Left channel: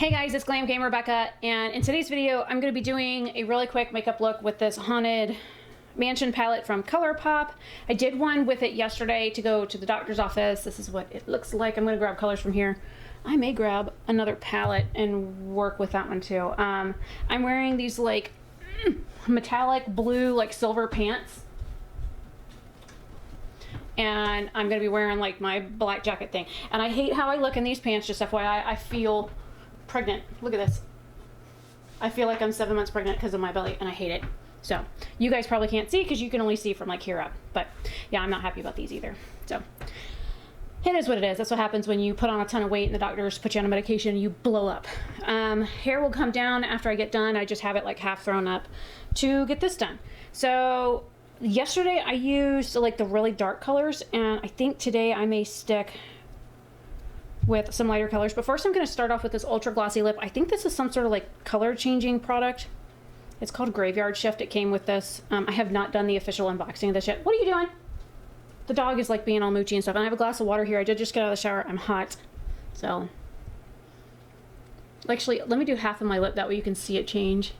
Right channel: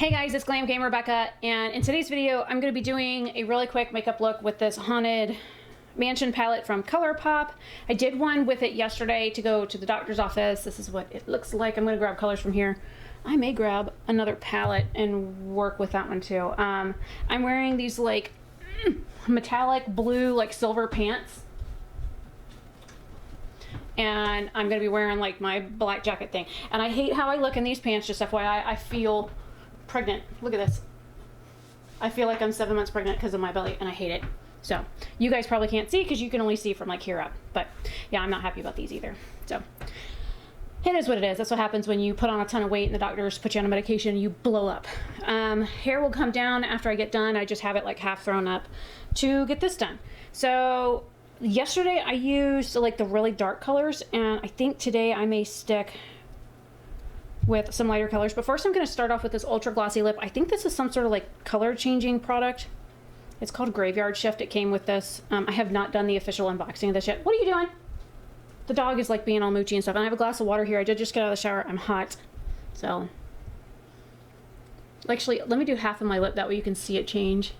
Hey guys, it's Glam Gamer Rebecca, and in today's video, I'm going to be doing a really quick makeup look with this Haunted Mansion palette from Colourpop. I did one with it yesterday to go to the doctor's office. This is what it looks like. I'm going to grab colors from here. I may grab another palette and work with that one too. I'm wearing these like metallic blue, like silver pants. And I'm going to be wearing like my black jacket thing. And I hate how I look in these pants, just FYI. I feel pregnant. Look at this. I feel like I'm 7 months pregnant because of my belly, and I hate it. So you guys probably can't see because you can only see from like here up. But yeah, I'm not happy about these either. So it is what it is. That's what happens when you put on a ton of weight and the doctors put you on a medication and you blow up. Hair will come down after I get done. I just have it like half thrown up to get this done. So yesterday I used like the really dark colors, and I think today I may stick with some lighter colors. But first I'm going to start off with this ultra glossy lip. I think this is some sort of like color changing product. It's called Graveyard Shift. It came with this. I have not done the official unboxing of this yet. What are you doing? The dog is like being all moochy and stuff. And I have a glass of water here. I did just get out of the shower. I'm hot. So actually, let me do half of my lip. That way you can see it change.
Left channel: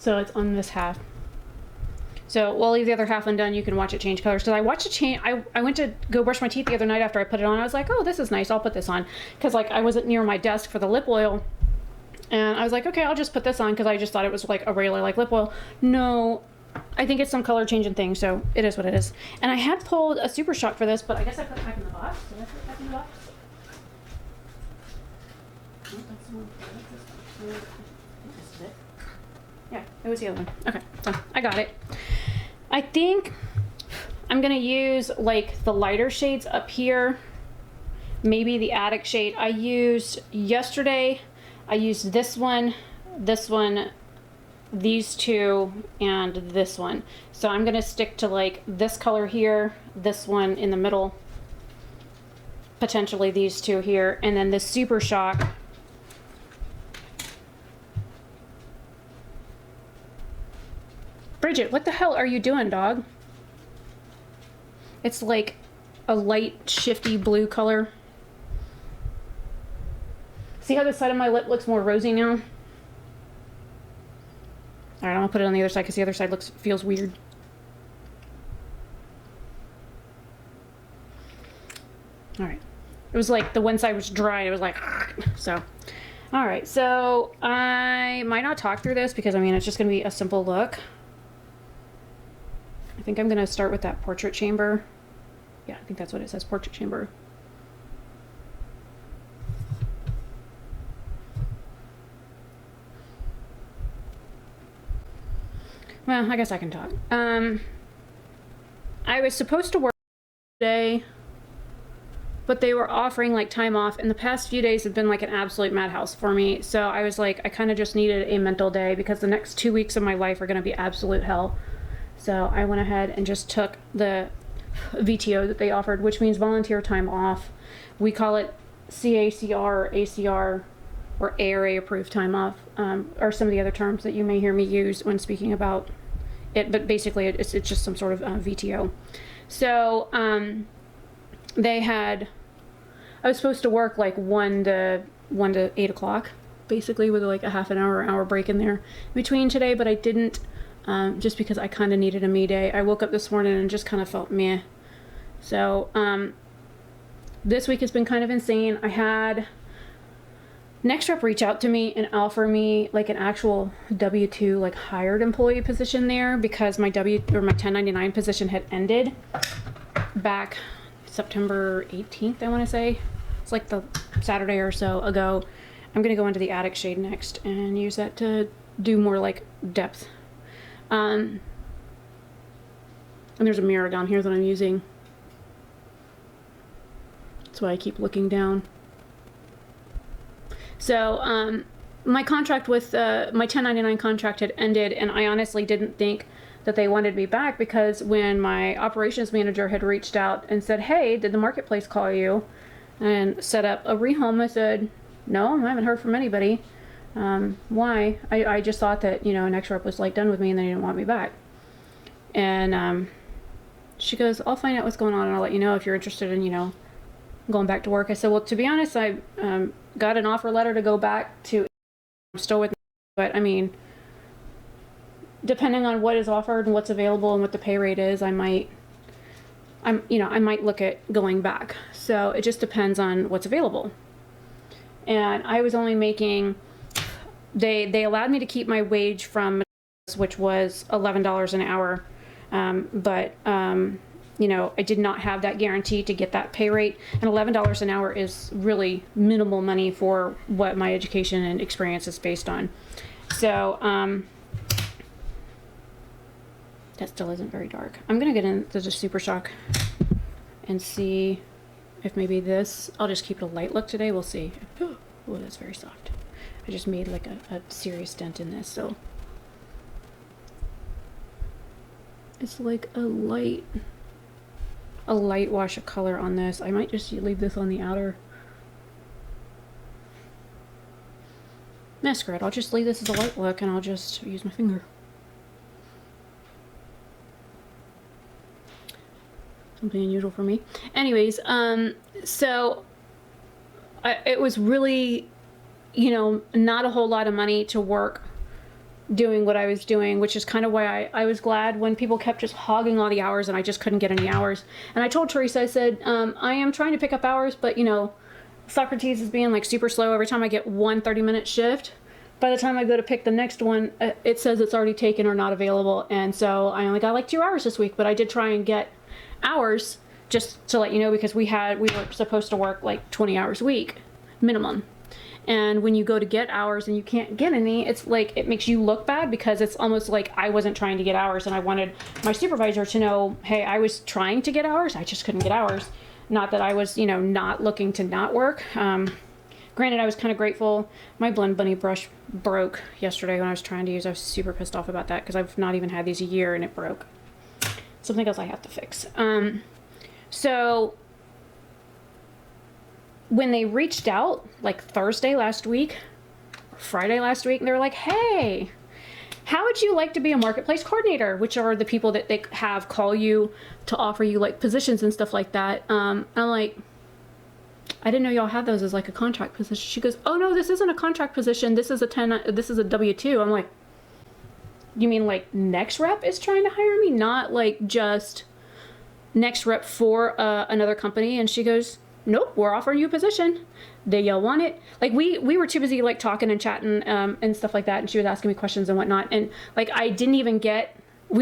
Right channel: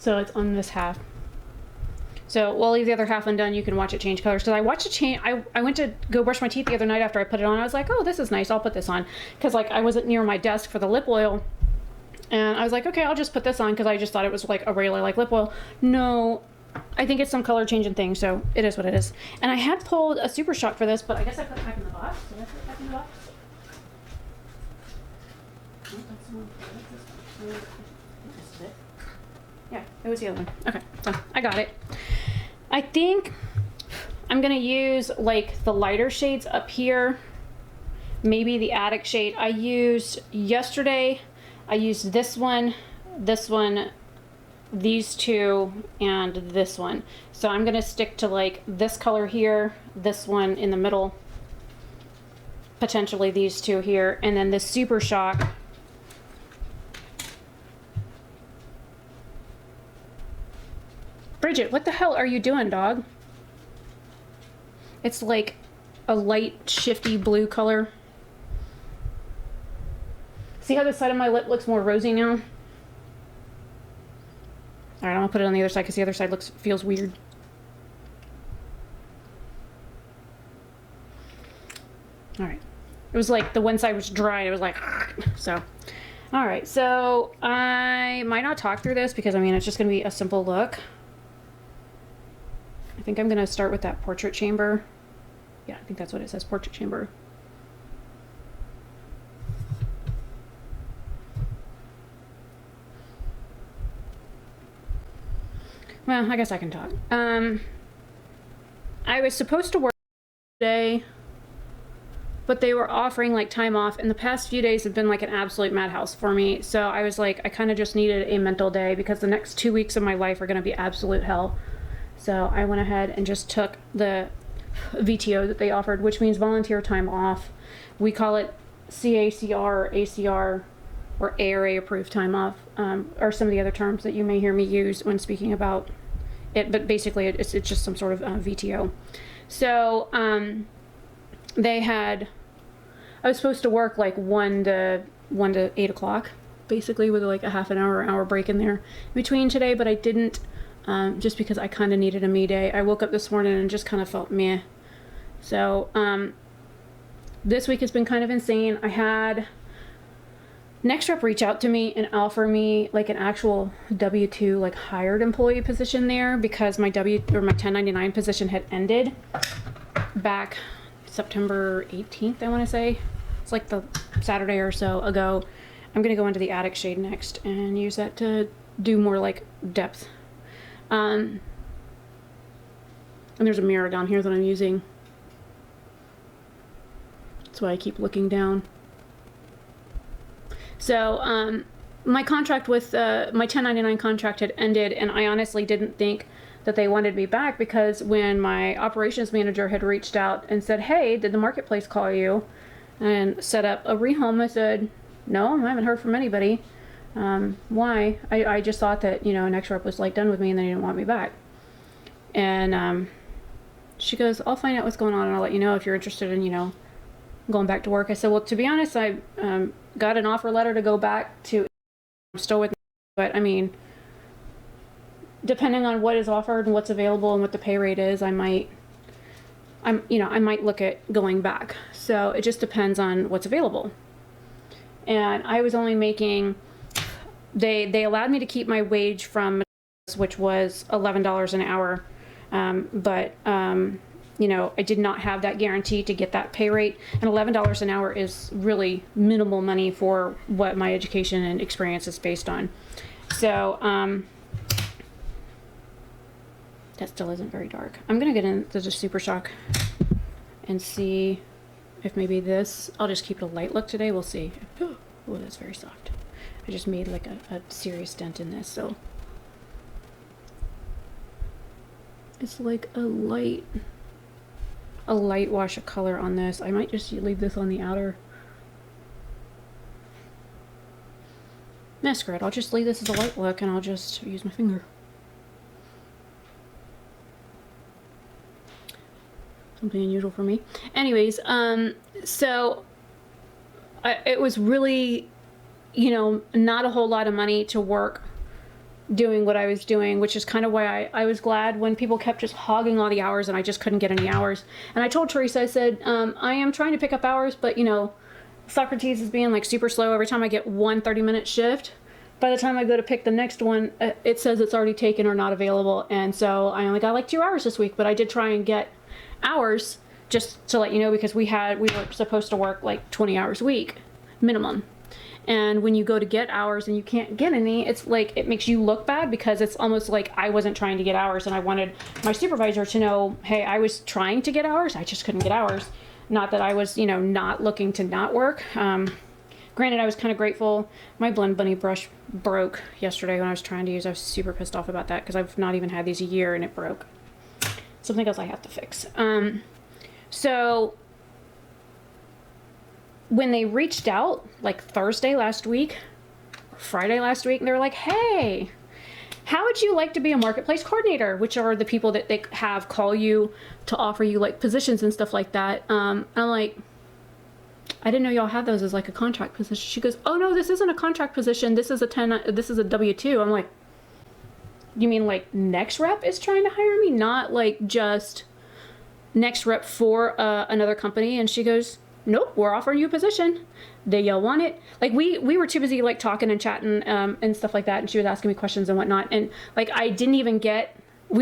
So it's on this half. So while the other half undone, you can watch it change colors. So I watched it change. I went to go brush my teeth the other night after I put it on. I was like, oh, this is nice. I'll put this on. Because like I wasn't near my desk for the lip oil. And I was like, okay, I'll just put this on because I just thought it was like a regular like lip oil. No, I think it's some color changing thing. So it is what it is. And I had pulled a Super Shock for this, but I guess I put it back in the box. So let's put it back in the box. Yeah, it was the other one. Okay, so I got it. I think I'm gonna use like the lighter shades up here, maybe the Attic shade. I used yesterday, I used this one, these two, and this one. So I'm gonna stick to like this color here, this one in the middle, potentially these two here, and then this Super Shock. Bridget, what the hell are you doing, dog? It's like a light, shifty blue color. See how the side of my lip looks more rosy now? Alright, I'm gonna put it on the other side because the other side feels weird. Alright. It was like the one side was dry. It was like, so. Alright, so I might not talk through this because I mean it's just gonna be a simple look. I think I'm going to start with that portrait chamber. Yeah, I think that's what it says, portrait chamber. Well, I guess I can talk. I was supposed to work today, but they were offering like time off, and the past few days have been like an absolute madhouse for me. So I was like, I kind of just needed a mental day because the next 2 weeks of my life are going to be absolute hell. So I went ahead and just took the VTO that they offered, which means volunteer time off. We call it CACR, ACR, or ARA approved time off, or some of the other terms that you may hear me use when speaking about it. But basically, it's just some sort of VTO. So I was supposed to work like 1 to 8 o'clock, basically with like a half an hour break in there between today, but I didn't. Just because I kind of needed a me day. I woke up this morning and just kind of felt meh. So, this week has been kind of insane. I had Next Rep reach out to me and offer me like an actual W-2 like hired employee position there because my 1099 position had ended back September 18th, I want to say. It's like the Saturday or so ago. I'm going to go into the Attic shade next and use that to do more like depth. And there's a mirror down here that I'm using. That's why I keep looking down. So, my contract with, my 1099 contract had ended, and I honestly didn't think that they wanted me back, because when my operations manager had reached out and said, hey, did the marketplace call you and set up a rehome, I said, no, I haven't heard from anybody. Why? I just thought that, you know, an ex-rep was like done with me and they didn't want me back. And she goes, I'll find out what's going on and I'll let you know if you're interested in, you know, going back to work. I said, well, to be honest, I got an offer letter to go back to. I'm still with, but I mean, depending on what is offered and what's available and what the pay rate is, I might look at going back. So it just depends on what's available. And I was only making, they allowed me to keep my wage from, which was $11 an hour. But you know, I did not have that guarantee to get that pay rate, and $11 an hour is really minimal money for what my education and experience is based on. So, that still isn't very dark. I'm gonna get into the Super Shock and see if maybe this, I'll just keep a light look today, we'll see. Oh, that's very soft. I just made like a serious dent in this, so. It's like a light wash of color on this. I might just leave this on the outer. That's great. I'll just leave this as a light look and I'll just use my finger. Something unusual for me. Anyways, so it was really, you know, not a whole lot of money to work doing what I was doing, which is kind of why I was glad when people kept just hogging all the hours and I just couldn't get any hours. And I told Teresa, I said, I am trying to pick up hours, but you know, Socrates is being like super slow. Every time I get one 30-minute shift, by the time I go to pick the next one, it says it's already taken or not available. And so I only got like 2 hours this week, but I did try and get hours, just to let you know, because we were supposed to work like 20 hours a week minimum. And when you go to get hours and you can't get any, it's like, it makes you look bad, because it's almost like I wasn't trying to get hours and I wanted my supervisor to know, hey, I was trying to get hours, I just couldn't get hours. Not that I was, you know, not looking to not work. Granted, I was kind of grateful. My Blend Bunny brush broke yesterday when I was trying to use. I was super pissed off about that, because I've not even had these a year and it broke. Something else I have to fix. So when they reached out, like Thursday last week, Friday last week, they're like, hey, how would you like to be a marketplace coordinator? Which are the people that they have call you to offer you like positions and stuff like that. I'm like, I didn't know y'all had those as like a contract position. She goes, oh no, this isn't a contract position. This is a W-2. I'm like, you mean like Next Rep is trying to hire me? Not like just Next Rep for another company? And she goes, nope, we're offering you a position. Do y'all want it? Like we were too busy like talking and chatting and stuff like that. And she was asking me questions and whatnot. And like I didn't even get,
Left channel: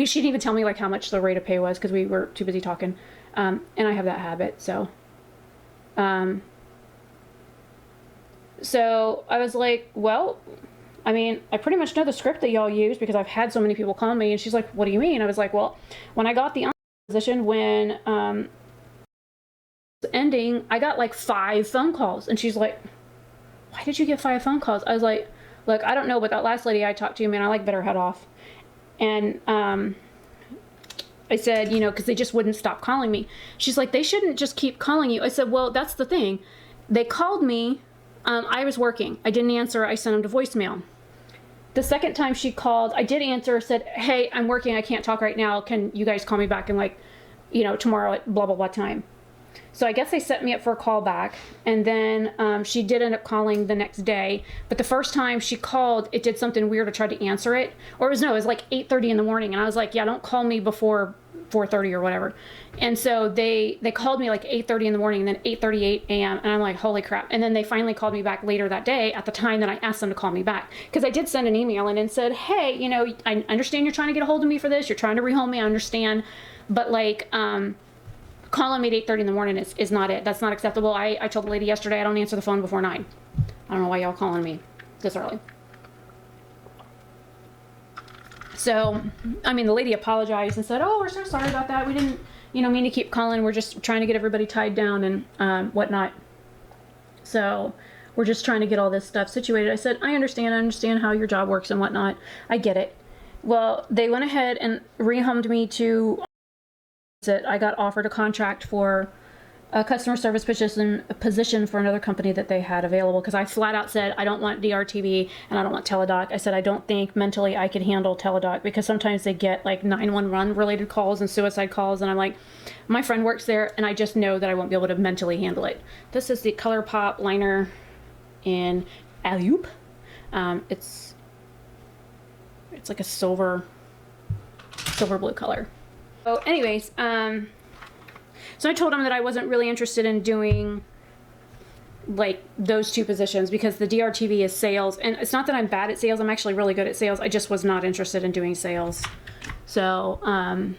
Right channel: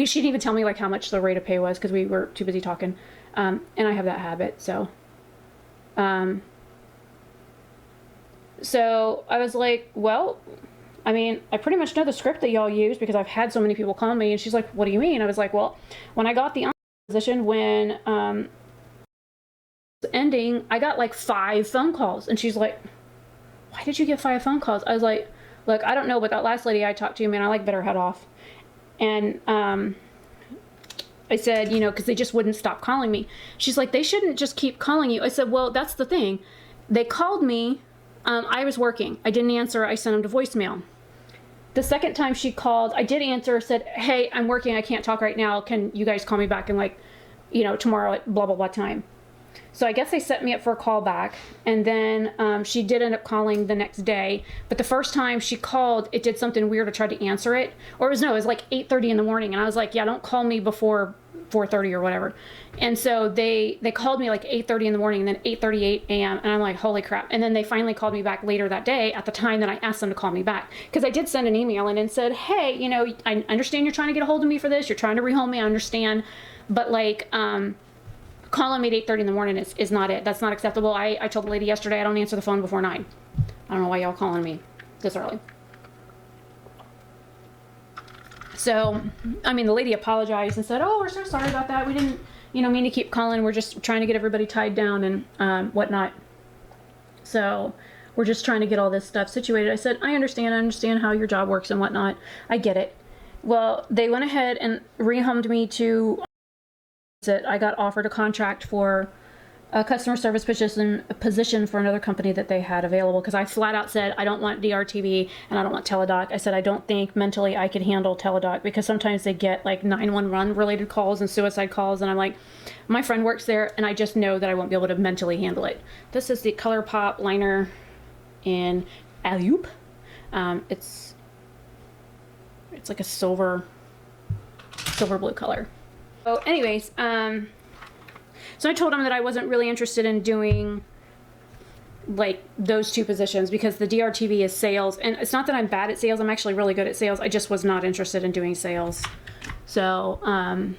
she didn't even tell me like how much the rate of pay was, because we were too busy talking. And I have that habit, so. So I was like, well, I mean, I pretty much know the script that y'all use, because I've had so many people call me. And she's like, what do you mean? I was like, well, when I got the position, when ending, I got like 5 phone calls. And she's like, why did you get 5 phone calls? I was like, look, I don't know, but that last lady I talked to, man, I like bit her head off. And I said, you know, because they just wouldn't stop calling me. She's like, they shouldn't just keep calling you. I said, well, that's the thing. They called me. I was working. I didn't answer. I sent them to voicemail. The second time she called, I did answer, said, hey, I'm working. I can't talk right now. Can you guys call me back in like, you know, tomorrow at blah, blah, blah time. So I guess they set me up for a call back. And then she did end up calling the next day. But the first time she called, it did something weird. I tried to answer it. Or it was like 8:30 in the morning. And I was like, yeah, don't call me before 4:30 or whatever. And so they called me like 8:30 in the morning and then 8:38 a.m. And I'm like, holy crap. And then they finally called me back later that day at the time that I asked them to call me back. Because I did send an email and said, hey, you know, I understand you're trying to get a hold of me for this. You're trying to rehome me. I understand. But like, calling me at 8:30 in the morning is not it. That's not acceptable. I told the lady yesterday I don't answer the phone before 9. I don't know why y'all calling me this early. So, I mean, the lady apologized and said, oh, we're so sorry about that. We didn't, mean to keep calling. We're just trying to get everybody tied down and whatnot. So, we're just trying to get all this stuff situated. I said, I understand how your job works and whatnot. I get it. Well, they went ahead and rehomed me to that I got offered a contract for a customer service position for another company that they had available, because I flat out said I don't want DRTV and I don't want teledoc. I said I don't think mentally I could handle teledoc, because sometimes they get like 911 related calls and suicide calls, and I'm like, my friend works there and I just know that I won't be able to mentally handle it. This is the Colourpop liner in Alley-oop. It's like a silver blue color. So anyways, so I told him that I wasn't really interested in doing like those two positions, because the DRTV is sales, and it's not that I'm bad at sales. I'm actually really good at sales. I just was not interested in doing sales. So, I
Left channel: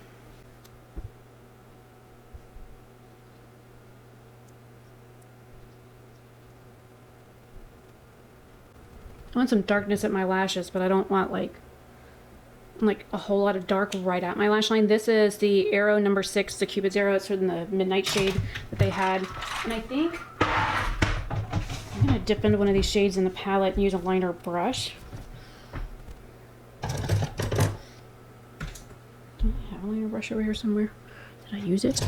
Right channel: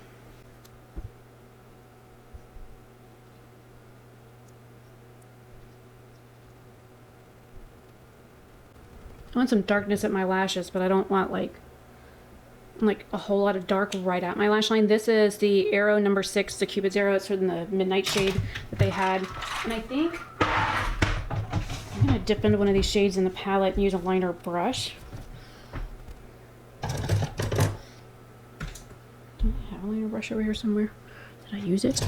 want some darkness at my lashes, but I don't want like a whole lot of dark right at my lash line. This is the Arrow number 6, the Cupid's Arrow. It's in the midnight shade that they had. And I think I'm going to dip into one of these shades in the palette and use a liner brush. Do I have a liner brush over here somewhere? Did I use it?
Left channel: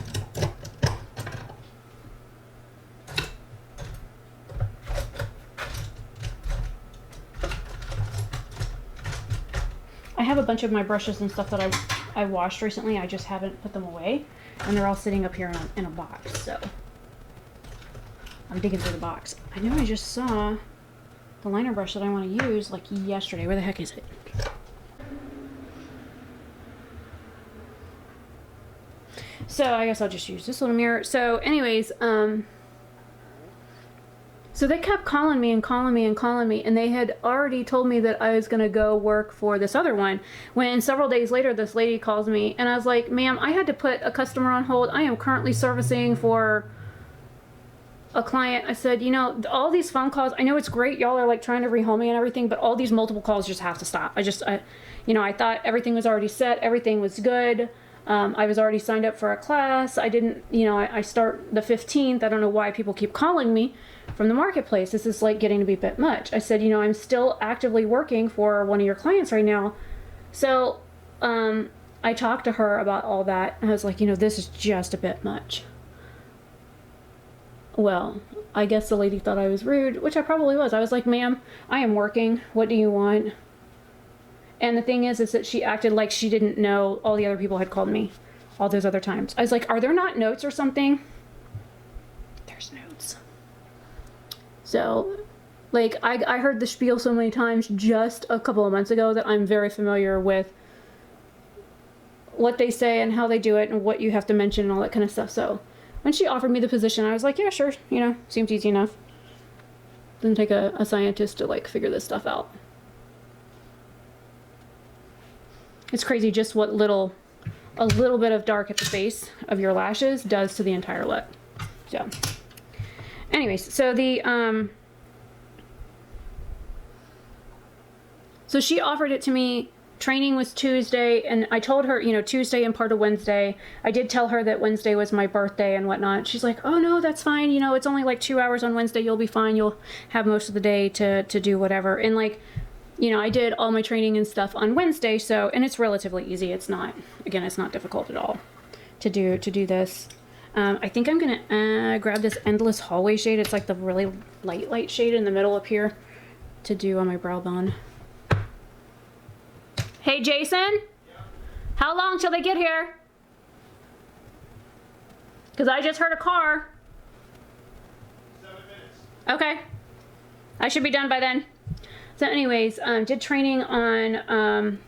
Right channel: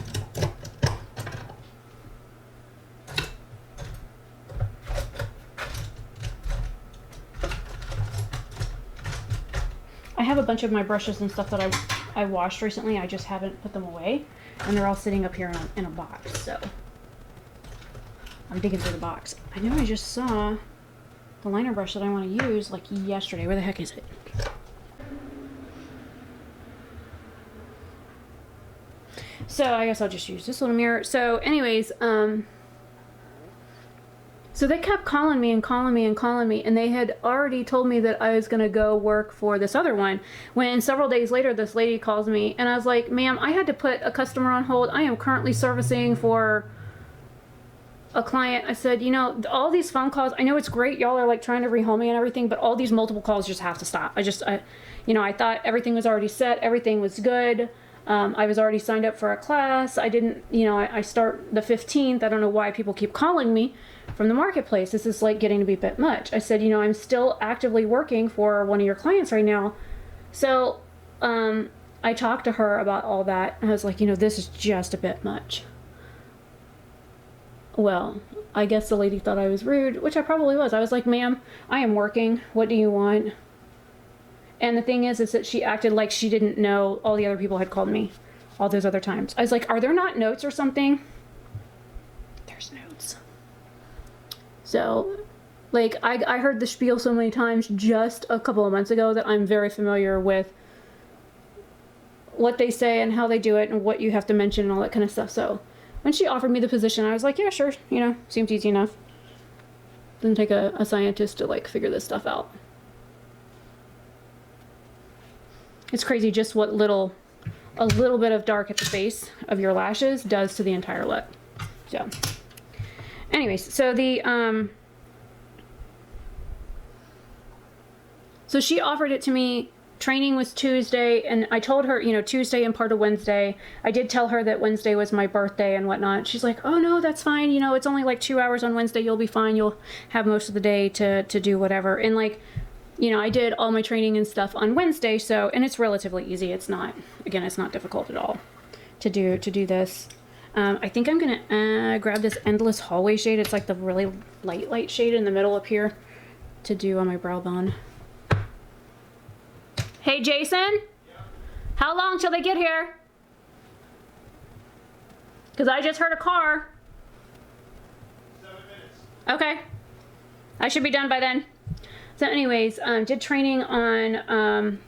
I have a bunch of my brushes and stuff that I washed recently. I just haven't put them away, and they're all sitting up here in a box. So I'm digging through the box. I know I just saw the liner brush that I want to use like yesterday. Where the heck is it? So I guess I'll just use this little mirror. So anyways, so they kept calling me, and they had already told me that I was going to go work for this other one, when several days later this lady calls me, and I was like, ma'am, I had to put a customer on hold. I am currently servicing for a client. I said, all these phone calls, I know it's great, y'all are like trying to rehome me and everything, but all these multiple calls just have to stop. I thought everything was already set, everything was good. I was already signed up for a class. I didn't, I start the 15th. I don't know why people keep calling me from the marketplace. This is like getting to be a bit much. I said, I'm still actively working for one of your clients right now. So, I talked to her about all that, and I was like, this is just a bit much. Well, I guess the lady thought I was rude, which I probably was. I was like, ma'am, I am working. What do you want? And the thing is that she acted like she didn't know all the other people had called me all those other times. I was like, are there not notes or something? There's notes. So, like, I heard the spiel so many times just a couple of months ago that I'm very familiar with what they say and how they do it and what you have to mention and all that kind of stuff. So, when she offered me the position, I was like, yeah, sure, seems easy enough. Doesn't take a scientist to, like, figure this stuff out. It's crazy just what a little bit of dark at the base of your lashes does to the entire look. So, anyways, so so she offered it to me. Training was Tuesday, and I told her, Tuesday and part of Wednesday. I did tell her that Wednesday was my birthday and whatnot. She's like, oh no, that's fine. It's only like 2 hours on Wednesday. You'll be fine. You'll have most of the day to do whatever. And like, I did all my training and stuff on Wednesday, so, and it's relatively easy. It's not difficult at all to do this. I think I'm going to grab this Endless Hallway shade. It's like the really light shade in the middle up here to do on my brow bone. Hey, Jason? How long till they get here? Because I just heard a car. 7 minutes. Okay. I should be done by then. So anyways, did training on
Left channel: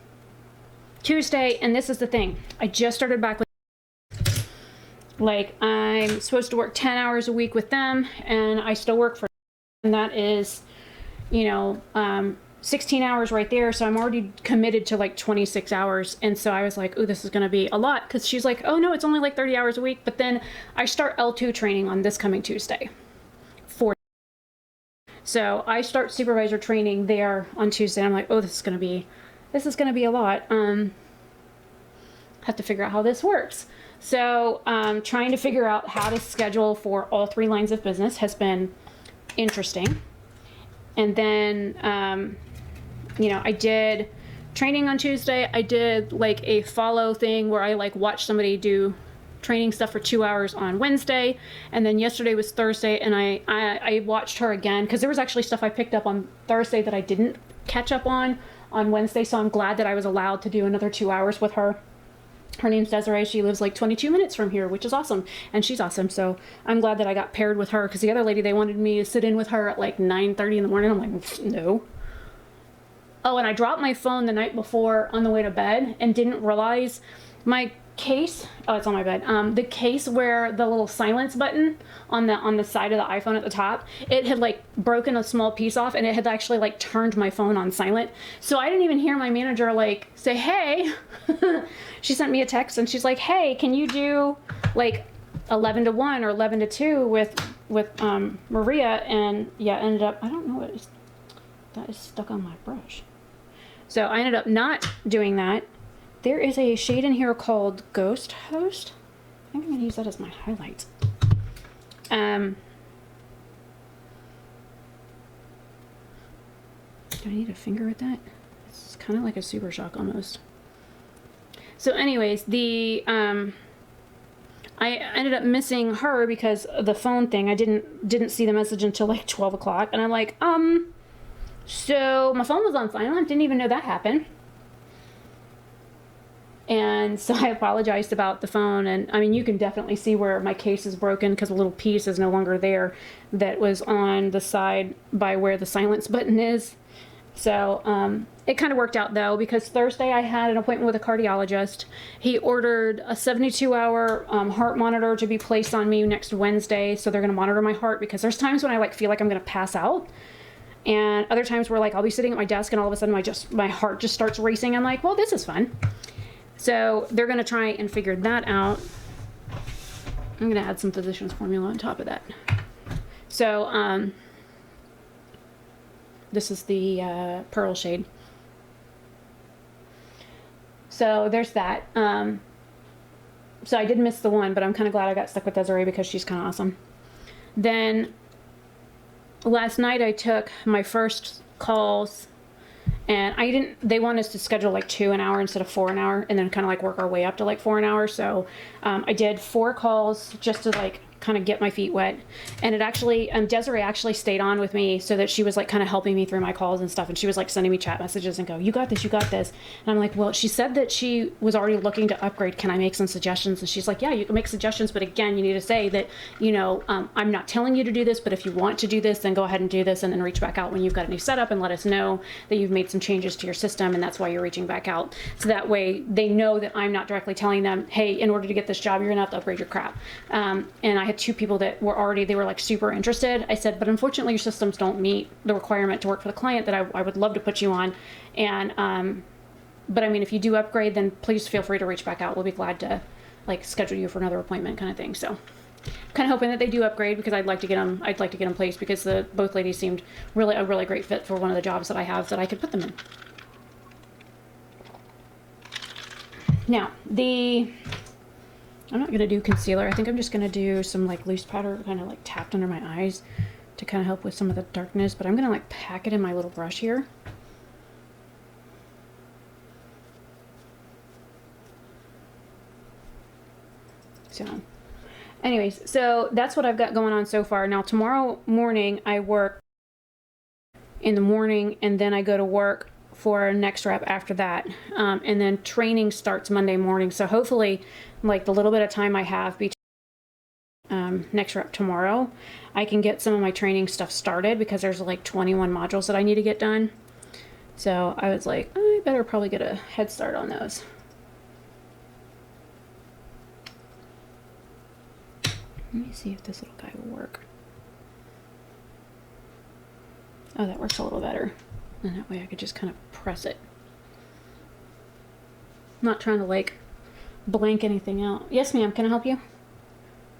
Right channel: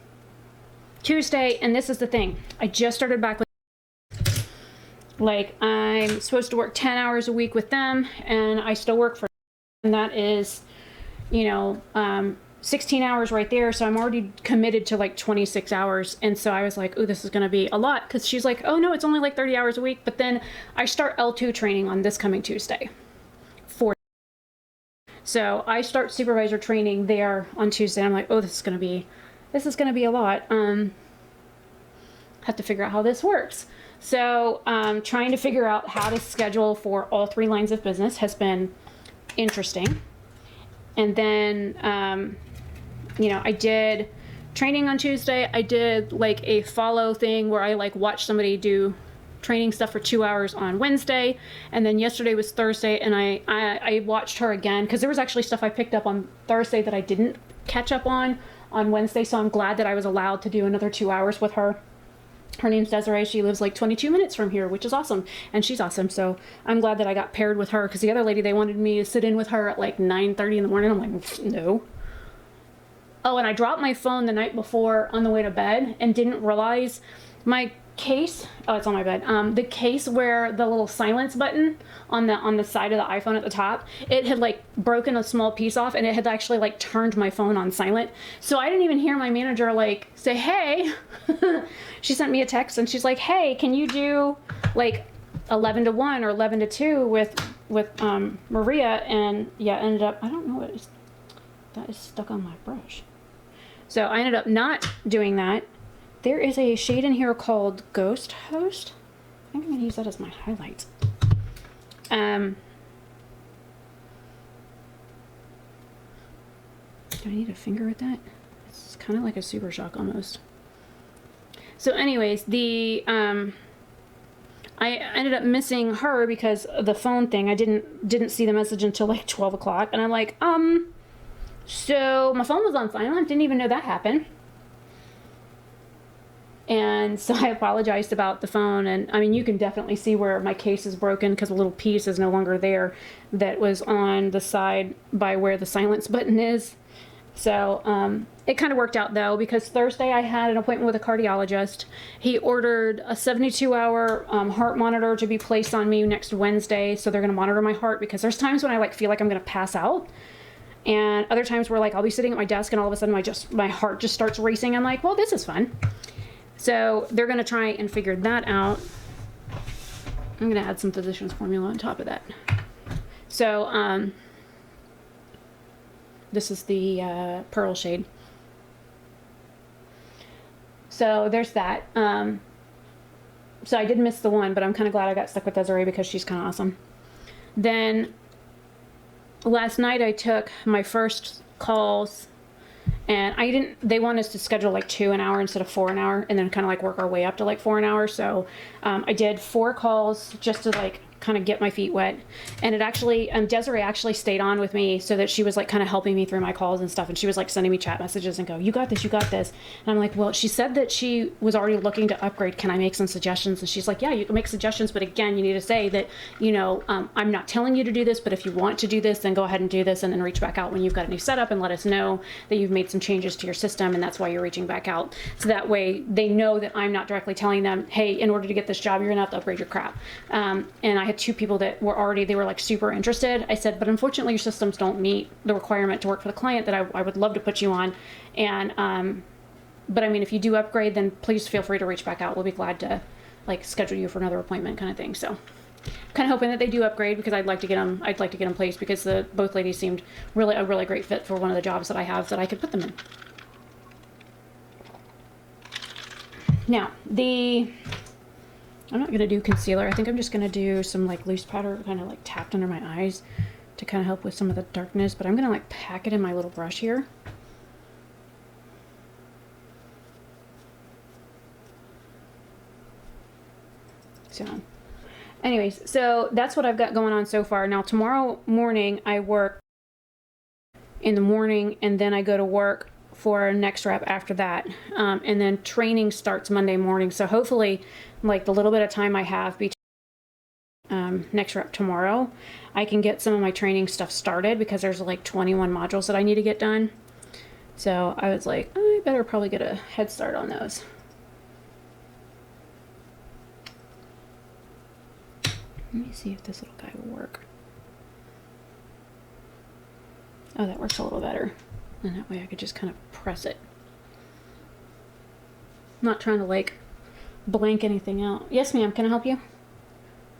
Tuesday, and this is the thing. I just started back. Like, I'm supposed to work 10 hours a week with them, and I still work for them. And that is, 16 hours right there, so I'm already committed to like 26 hours. And so I was like, oh, this is going to be a lot. Because she's like, oh, no, it's only like 30 hours a week. But then I start L2 training on this coming Tuesday. So I start supervisor training there on Tuesday. I'm like, oh, this is gonna be a lot. Have to figure out how this works. So trying to figure out how to schedule for all 3 lines of business has been interesting. And then, you know, I did training on Tuesday. I did like a follow thing where I like watched somebody do training stuff for 2 hours on Wednesday. And then yesterday was Thursday, and I watched her again because there was actually stuff I picked up on Thursday that I didn't catch up on Wednesday. So I'm glad that I was allowed to do another 2 hours with her. Her name's Desiree. She lives like 22 minutes from here, which is awesome. And she's awesome. So I'm glad that I got paired with her, because the other lady, they wanted me to sit in with her at like 9:30 in the morning. I'm like, no. Oh, and I dropped my phone the night before on the way to bed and didn't realize my case. Oh, it's on my bed. The case where the little silence button on the side of the iPhone at the top, it had like broken a small piece off, and it had actually like turned my phone on silent. So I didn't even hear my manager like say, hey. She sent me a text and she's like, hey, can you do like 11 to 1 or 11 to 2 with Maria? And yeah, ended up, I don't know what that is stuck on my brush. So I ended up not doing that. There is a shade in here called Ghost Host. I'm going to use that as my highlight. Do I need a finger with that? It's kind of like a Super Shock almost. So anyways, I ended up missing her because of the phone thing. I didn't see the message until like 12 o'clock. And I'm like, so my phone was on silent. Didn't even know that happened. And so I apologized about the phone. And I mean, you can definitely see where my case is broken because a little piece is no longer there that was on the side by where the silence button is. So it kind of worked out though, because Thursday I had an appointment with a cardiologist. He ordered a 72-hour heart monitor to be placed on me next Wednesday. So they're going to monitor my heart, because there's times when I like feel like I'm going to pass out, and other times where like I'll be sitting at my desk and all of a sudden my heart just starts racing. I'm like, well, this is fun. So they're going to try and figure that out. I'm going to add some Physicians Formula on top of that. So this is the pearl shade. So there's that. So I did miss the one, but I'm kind of glad I got stuck with Desiree because she's kind of awesome. Then last night I took my first calls, and they want us to schedule like 2 an hour instead of 4 an hour, and then kind of like work our way up to like 4 an hour. So I did 4 calls just to like kind of get my feet wet. And it actually, Desiree actually stayed on with me so that she was like kind of helping me through my calls and stuff. And she was like sending me chat messages and go, you got this, you got this. And I'm like, well, she said that she was already looking to upgrade. Can I make some suggestions? And she's like, yeah, you can make suggestions. But again, you need to say that, you know, I'm not telling you to do this, but if you want to do this, then go ahead and do this. And then reach back out when you've got a new setup and let us know that you've made some changes to your system. And that's why you're reaching back out. So that way they know that I'm not directly telling them, hey, in order to get this job, you're going to have to upgrade your crap. And I had 2 people that were already, they were like super interested. I said, but unfortunately your systems don't meet the requirement to work for the client that I would love to put you on. And, but I mean, if you do upgrade, then please feel free to reach back out. We'll be glad to like schedule you for another appointment kind of thing. So kind of hoping that they do upgrade, because I'd like to get them placed, because both ladies seemed a really great fit for one of the jobs that I have that I could put them in. Now, I'm not going to do concealer. I think I'm just going to do some like loose powder kind of like tapped under my eyes to kind of help with some of the darkness. But I'm going to like pack it in my little brush here. So anyways, so that's what I've got going on so far. Now tomorrow morning I work in the morning, and then I go to work for next rep after that. And then training starts Monday morning. So hopefully, like the little bit of time I have between next rep tomorrow, I can get some of my training stuff started, because there's like 21 modules that I need to get done. So I was like, I better probably get a head start on those. Let me see if this little guy will work. Oh, that works a little better. And that way I could just kind of press it. I'm not trying to like blank anything out. Yes, ma'am, can I help you?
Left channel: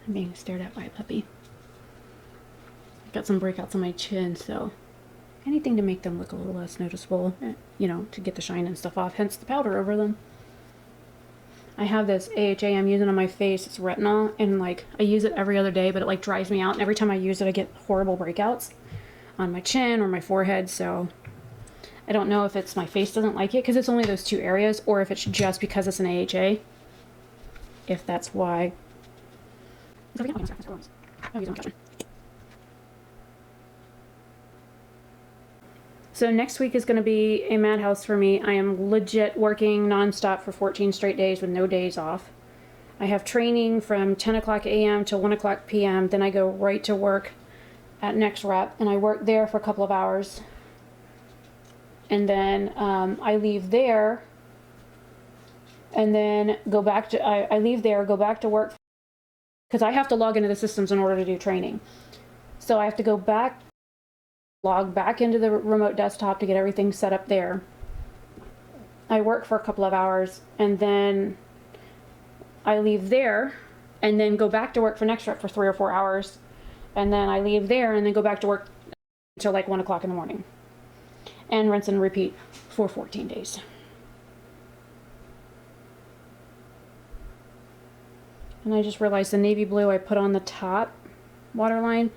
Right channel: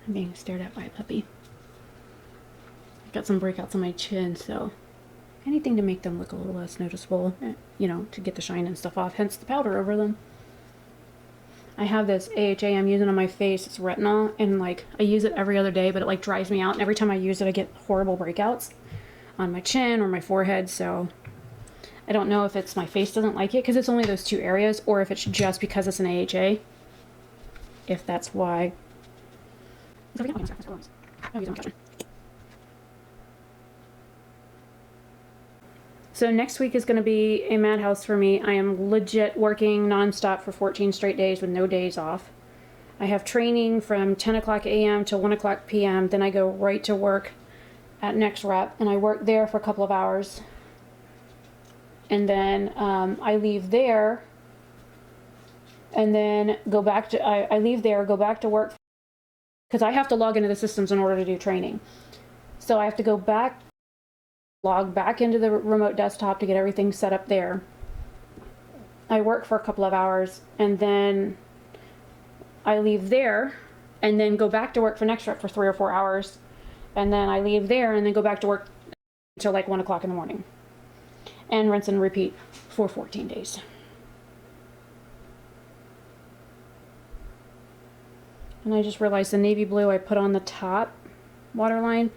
I'm being stared at by a puppy. I've got some breakouts on my chin, so Anything to make them look a little less noticeable, you know, to get the shine and stuff off, hence the powder over them. I have this AHA I'm using on my face. It's retinol, and like I use it every other day, but it like drives me out. Every time I use it, I get horrible breakouts on my chin or my forehead. So I don't know if it's my face doesn't like it because it's only those two areas, or if it's just because it's an AHA. If that's why. So next week is going to be a madhouse for me. I am legit working nonstop for 14 straight days with no days off. I have training from 10 o'clock a.m. to 1 o'clock p.m. Then I go right to work at Next Rep, and I work there for a couple of hours. And then I leave there, and then go back to, I leave there, go back to work, because I have to log into the systems in order to do training. So I have to go back, log back into the remote desktop to get everything set up there. I work for a couple of hours, and then I leave there, and then go back to work for Next Rep for 3 or 4 hours. And then I leave there, and then go back to work until like 1 o'clock in the morning. And rinse and repeat for 14 days. And I just realized the navy blue I put on the top waterline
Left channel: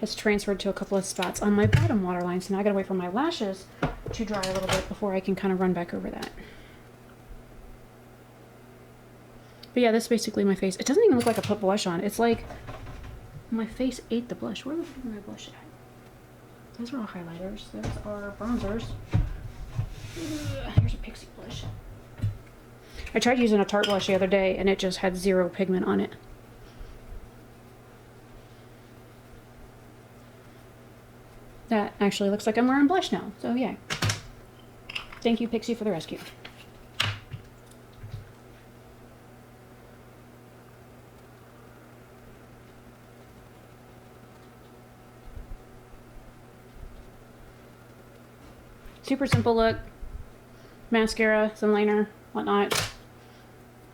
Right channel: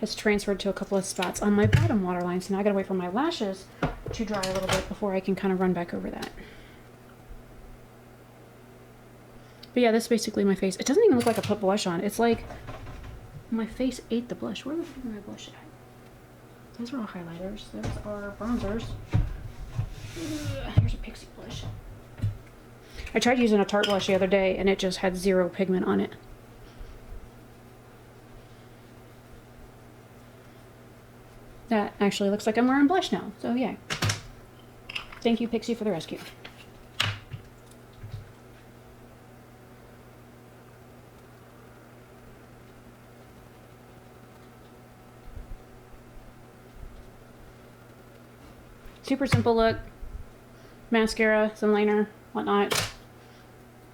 has transferred to a couple of spots on my bottom waterline. So now I gotta wait for my lashes to dry a little bit before I can kind of run back over that. But yeah, this is basically my face. It doesn't even look like I put blush on. It's like my face ate the blush. Where the fuck are my blush? These are highlighters. Those are bronzers. Here's a pixie blush. I tried using a Tarte blush the other day and it just had 0 pigment on it. That actually looks like I'm wearing blush now, so yeah. Thank you, Pixie, for the rescue. Super simple look. Mascara, some liner, whatnot.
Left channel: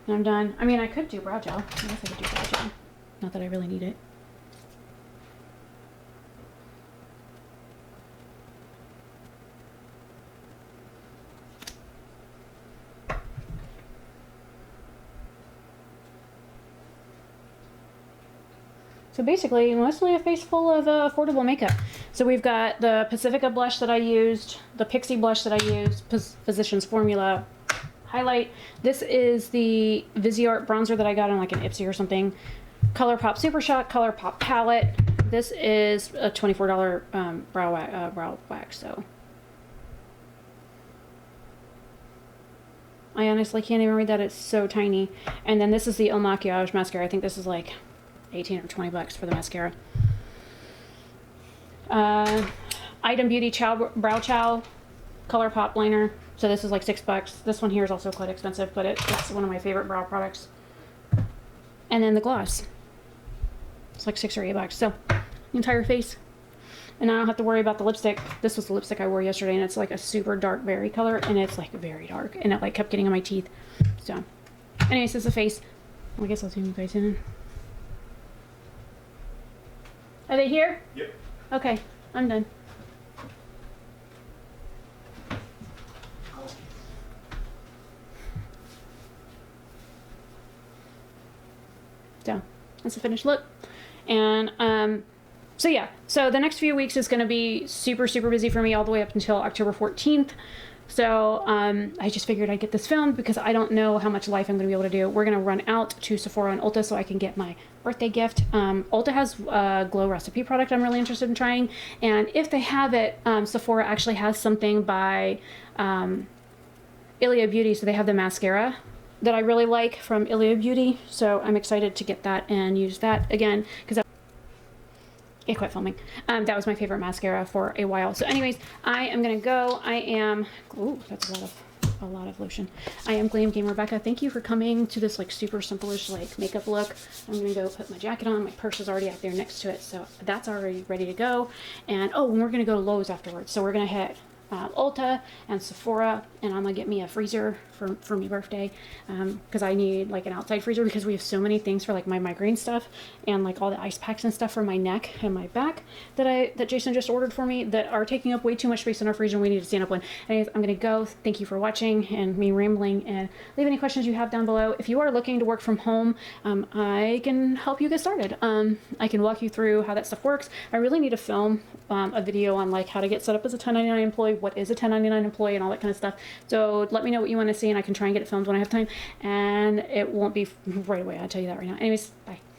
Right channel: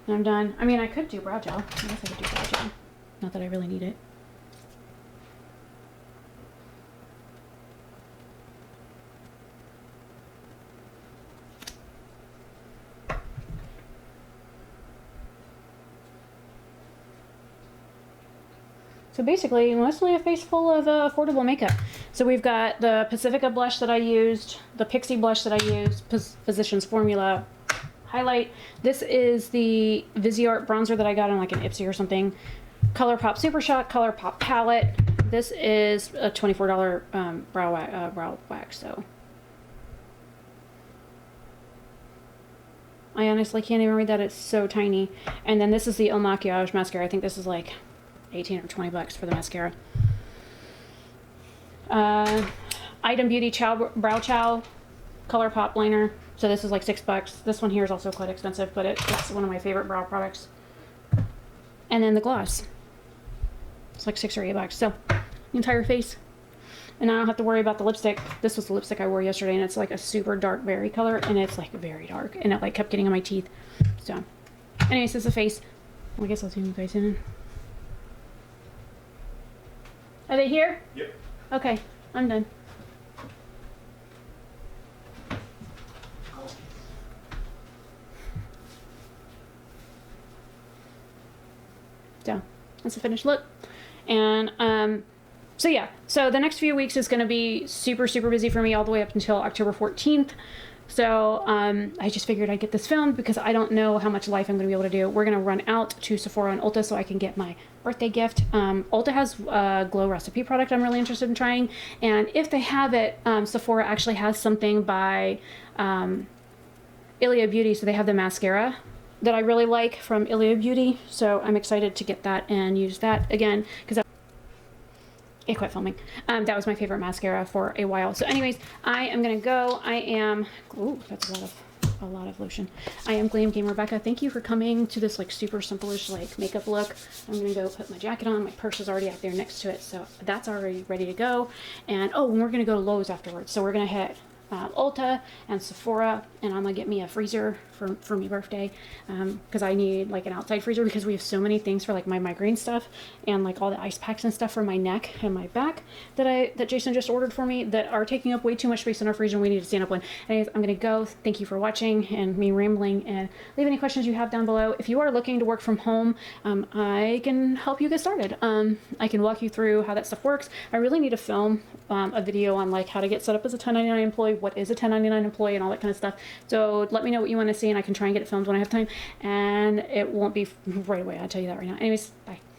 And I'm done. I mean, I could do brow gel. I guess I could do brow gel. Not that I really need it. So basically, mostly a face full of affordable makeup. So we've got the Pacifica blush that I used, the Pixie blush that I used, Physicians Formula highlight. This is the Viseart bronzer that I got in like an Ipsy or something. Colourpop Super Shock Colourpop palette. This is a $24 brow wax. So I honestly can't even read that. It's so tiny. And then this is the Il Makiage mascara. I think this is like 18 or 20 bucks for the mascara. Item Beauty Brow Chow Colourpop liner. So this is like 6 bucks. This one here is also quite expensive, but it's one of my favorite brow products. And then the gloss. It's like 6 or 8 bucks. So the entire face. And I don't have to worry about the lipstick. This was the lipstick I wore yesterday, and it's like a super dark berry color, and it's like very dark, and it like kept getting on my teeth. So, anyways, this is the face. I guess I'll see you guys soon. Are they here? Yep. Okay, I'm done. So that's the finished look. And so yeah, so the next few weeks is going to be super busy for me all the way up until October 14th. So I just figured I'd get this filmed because I don't know how much life I'm going to be able to do. We're going to run out to Sephora and Ulta so I can get my birthday gift. Ulta has a Glow Recipe product I'm really interested in trying. And if they have it, Sephora actually has something by Ilia Beauty. So they have the mascara that I really like from Ilia Beauty. So I'm excited to get that and use that again because it quit filming. That was my favorite mascara for a while. So anyways, I am gonna go. I am, ooh, that's a lot of lotion. I am Glam Game Rebecca. Thank you for coming to this like super simple-ish like makeup look. I'm gonna go put my jacket on. My purse is already out there next to it, so that's already ready to go. And oh, and we're gonna go to Lowe's afterwards. So we're gonna hit Ulta and Sephora and I'm gonna get me a freezer for my birthday, because I need like an outside freezer because we have so many things for like my migraine stuff and like all the ice packs and stuff for my neck and my back that Jason just ordered for me that are taking up way too much space in our freezer. We need to stand up one. Anyways, I'm gonna go. Thank you for watching and me rambling, and leave any questions you have down below. If you are looking to work from home, I can help you get started. I can walk you through how that stuff works. I really need to film a video on like how to get set up as a 1099 employee, what is a 1099 employee, and all that kind of stuff. So let me know what you want to see, and I can try and get it filmed when I have time. And it won't be right away, I'll tell you that right now. Anyways, bye.